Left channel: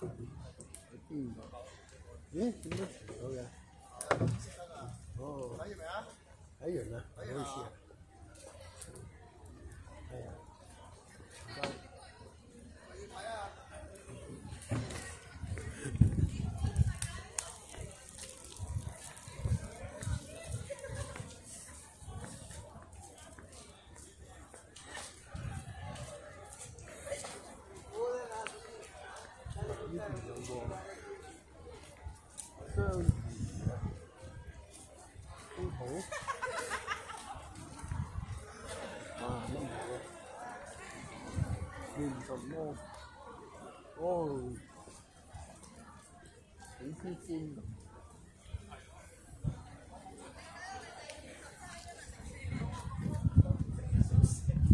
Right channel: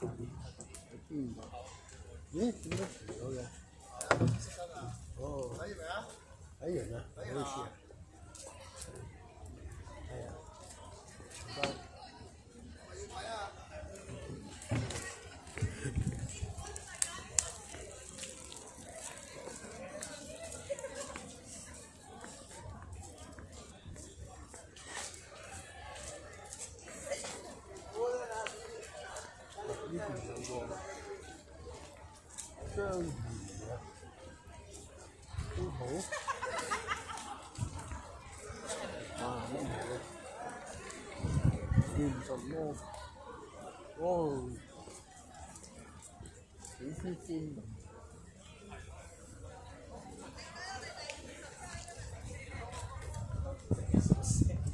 邊度？咦？點解遲咗嘅？哦，睇完未啊？睇完啦，唔好意思啊。係啊，唔該。我要睇啊！呢邊有個章魚啊，都好。哇！乜嘢咧？見咁多，哦，幾鮮鮮咁。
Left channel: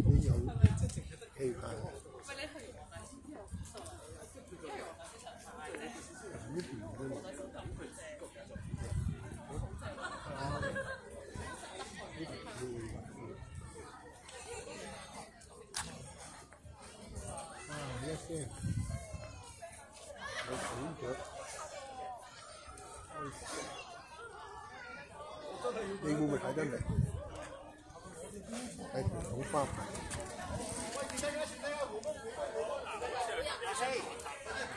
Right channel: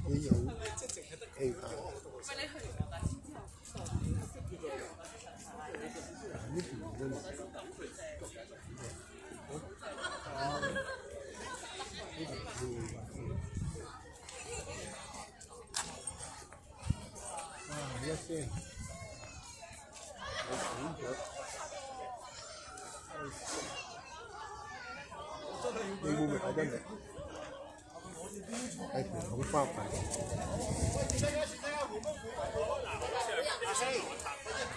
呢種氣派。呢邊真係。一聲，我醒咗。你會唔會睇得明？係條孔花牌。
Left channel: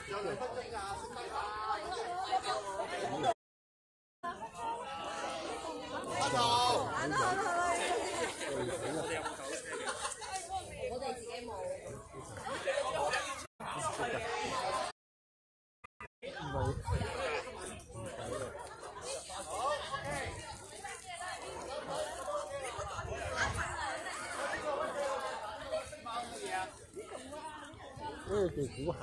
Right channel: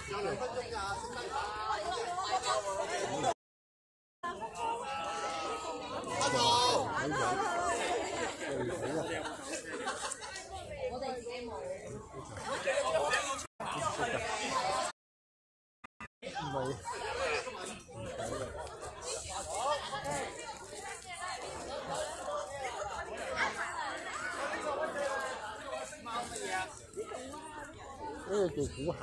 有2分鐘咋，食雞扒。我哋自己冇。唔係，呢個叫估蟹。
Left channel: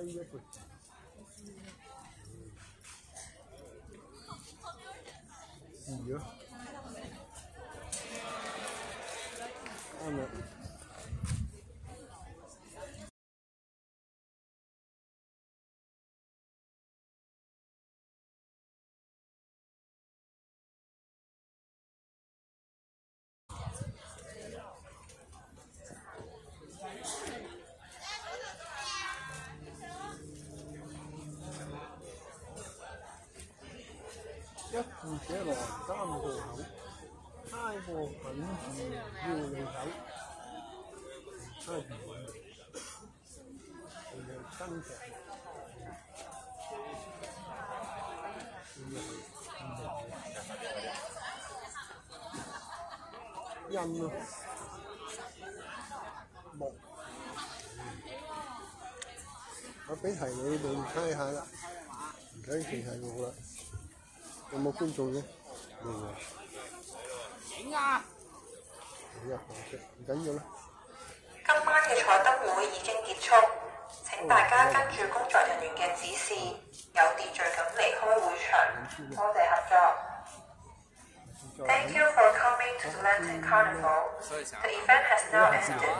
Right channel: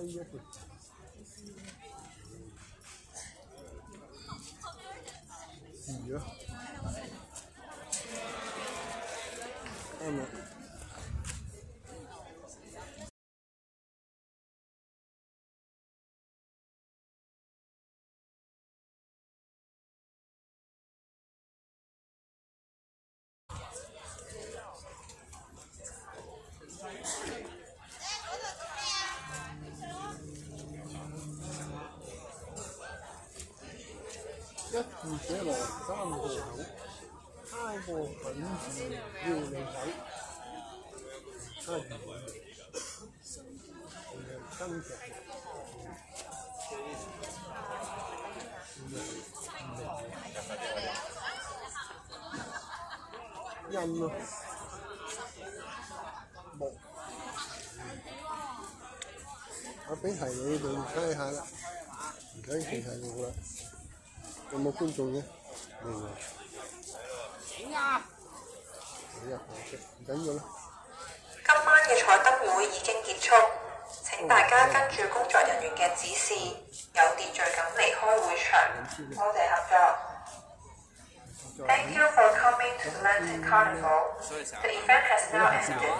一個試咗，啱啦。一字寫來3個口，猜個品字要你手。猜字仲有新劇，印咯，木。我俾題你哋猜下啦，唔使記係我啦。有冇觀眾嘅？未喎。影啊！影啊！可惜，唔緊要啦。今晚嘅彩燈會已經結束，請大家跟住工作人員嘅指示，有秩序咁離開會場。多謝合作。Thank you for coming to the Lantern Carnival. The event has now ended.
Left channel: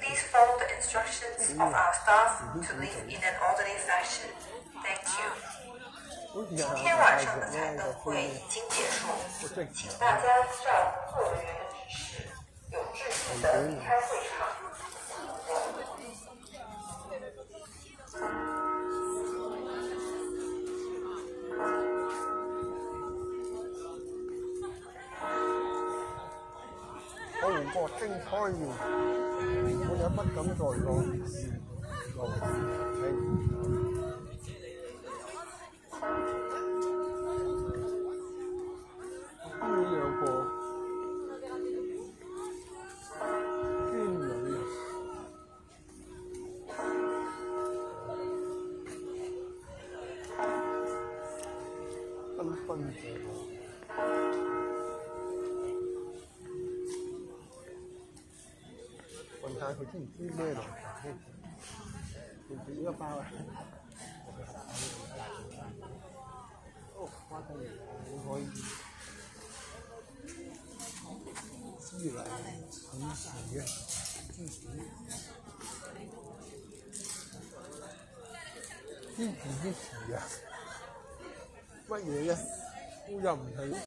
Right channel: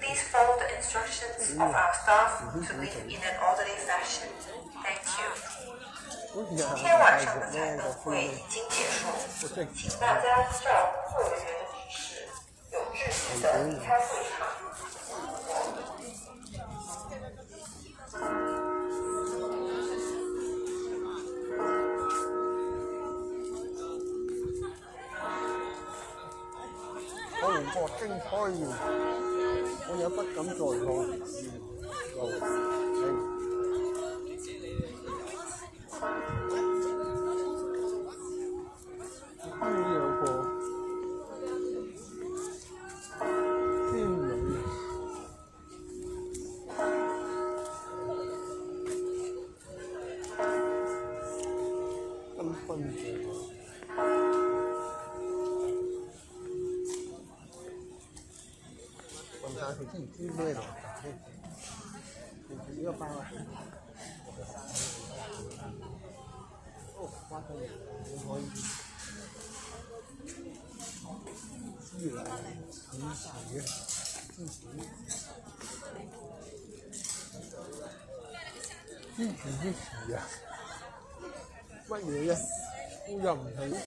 Please follow the instructions of our staff to leave in an orderly fashion. Thank you. 今天晚上的彩灯会已经结束，请大家照服务人员的指示，有秩序地离开会场。好過精彩完，我也不敢再講。呢兩個天女繽紛嘅。問下佢知唔知咩來㗎先？知唔知呢個包啊？哦，花生油你可以知啦，以前嘅芝士。支持啲事啊！乜嘢啫？我又唔係。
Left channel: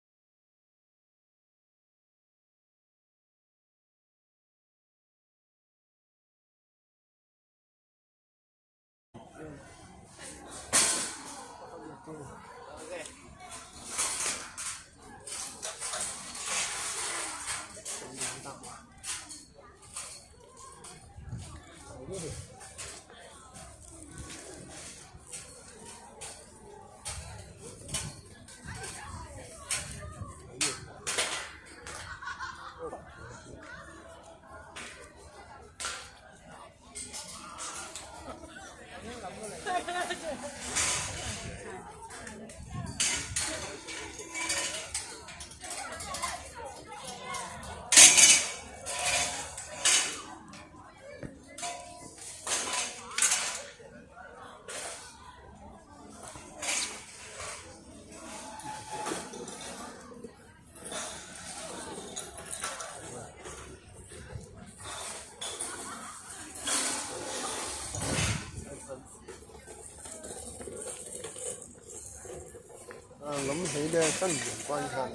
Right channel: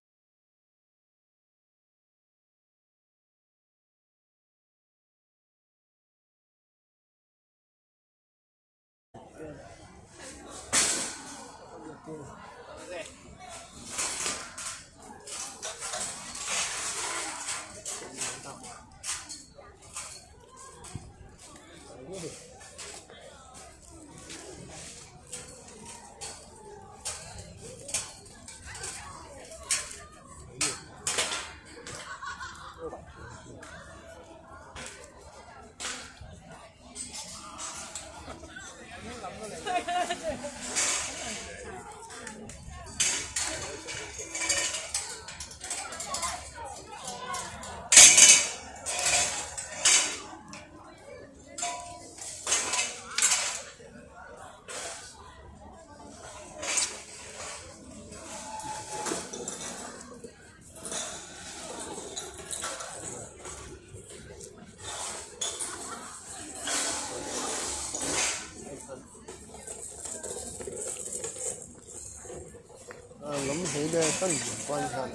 諗起咧新年關卡啦，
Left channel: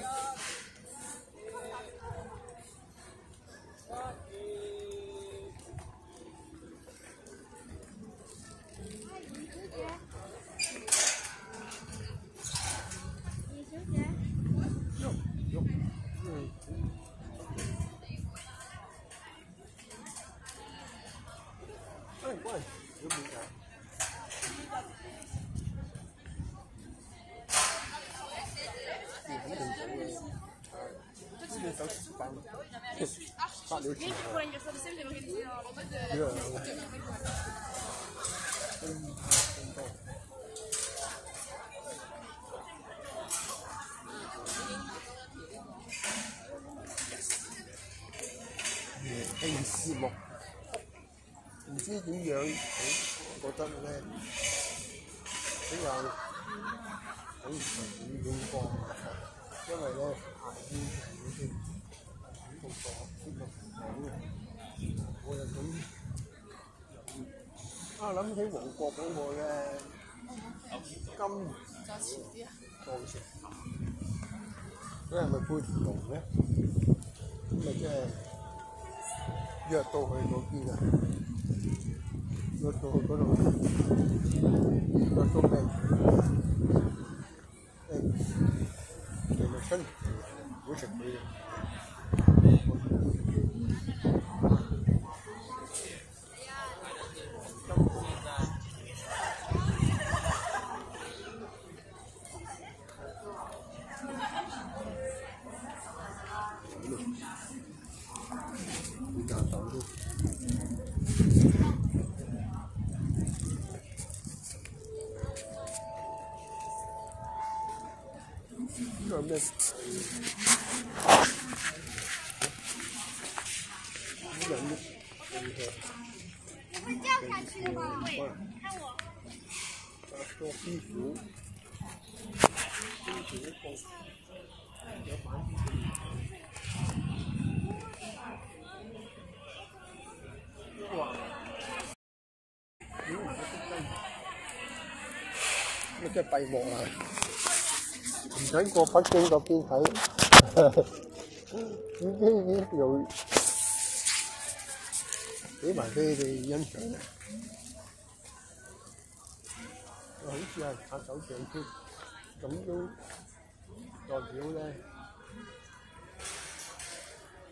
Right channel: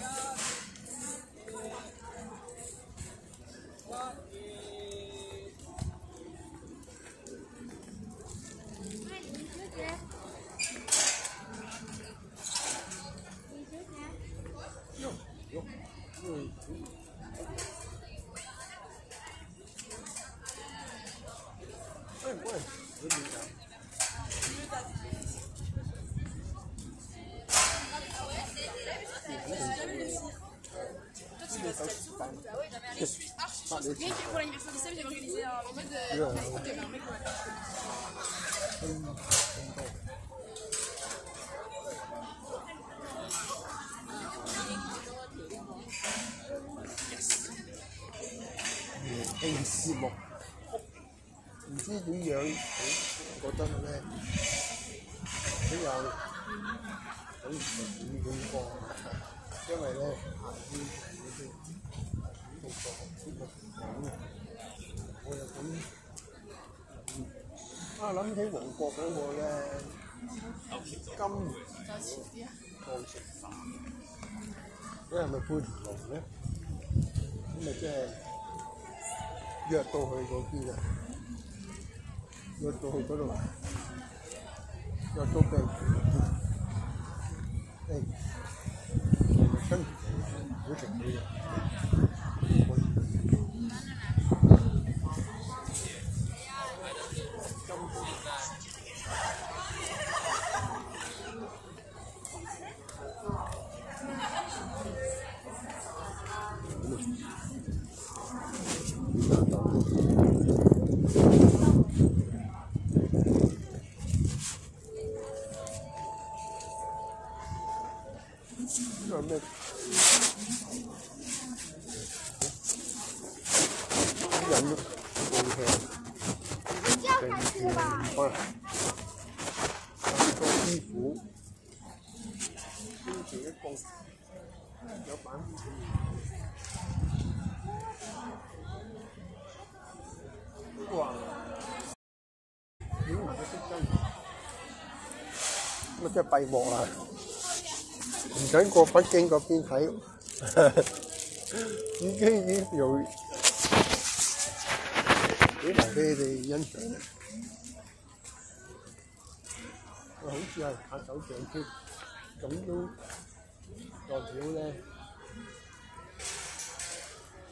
喂，有冇啊？節目唔知點樣，我覺得咧比較好點講，因為咧下啲會主動做節目講嘅，我就諗起黃國嗰個咧金過程，佢係咪配條龍咧？咁咪即係約到去嗰邊啊！約到去嗰度，約到病，係咪跟住好食佢啊？呢個咩？啲人都好香，地條花，做師傅，跟住一個有板哇！點埋個色真，咁啊真係閉幕啦！唔使過北京嗰邊睇，已經又俾埋俾你哋欣賞啦。好似係拍手掌添，咁都代表咧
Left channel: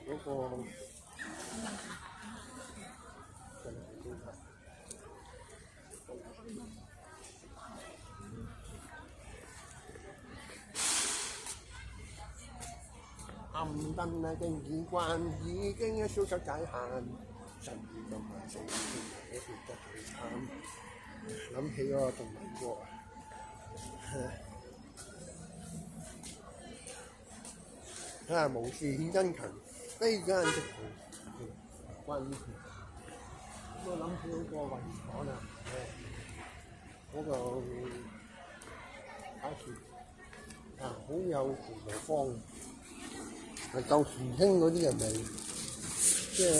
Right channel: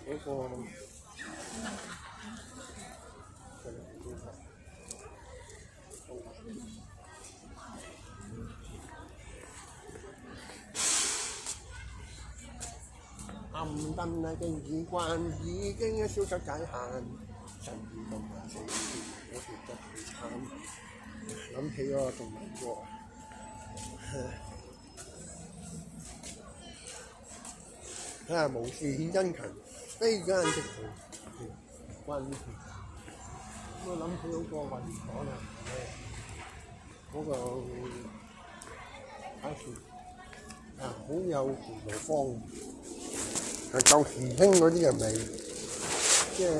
嗰個暗燈啊，經已慣，已經消失界限，神與動物四條，我條得去慘，諗起嗰個動物國啊！無事獻殷勤，非奸即盜，關於我諗起嗰個運河啦，嗰個擺設啊，好有葡萄芳。係舊時興嗰啲人咪即係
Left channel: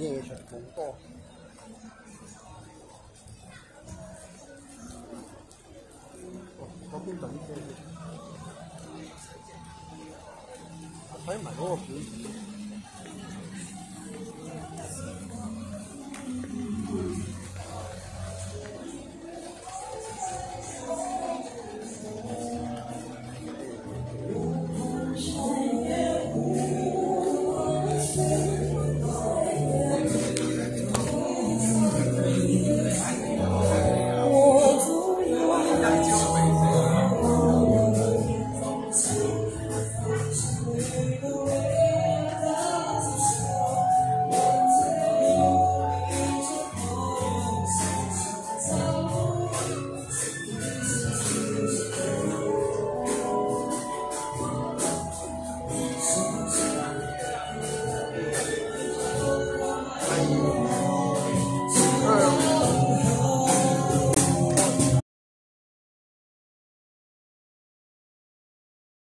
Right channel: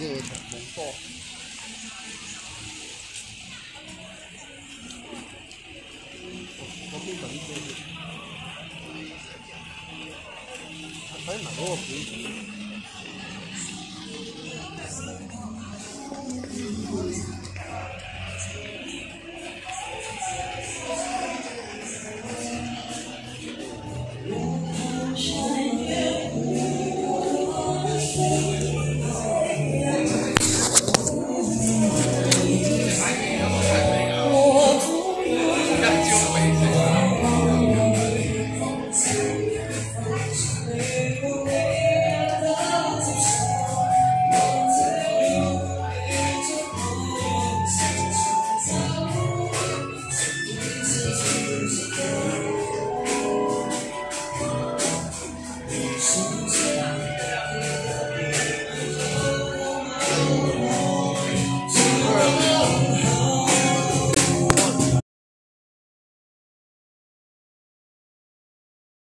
夜場冇多，先等先。睇埋嗰個表。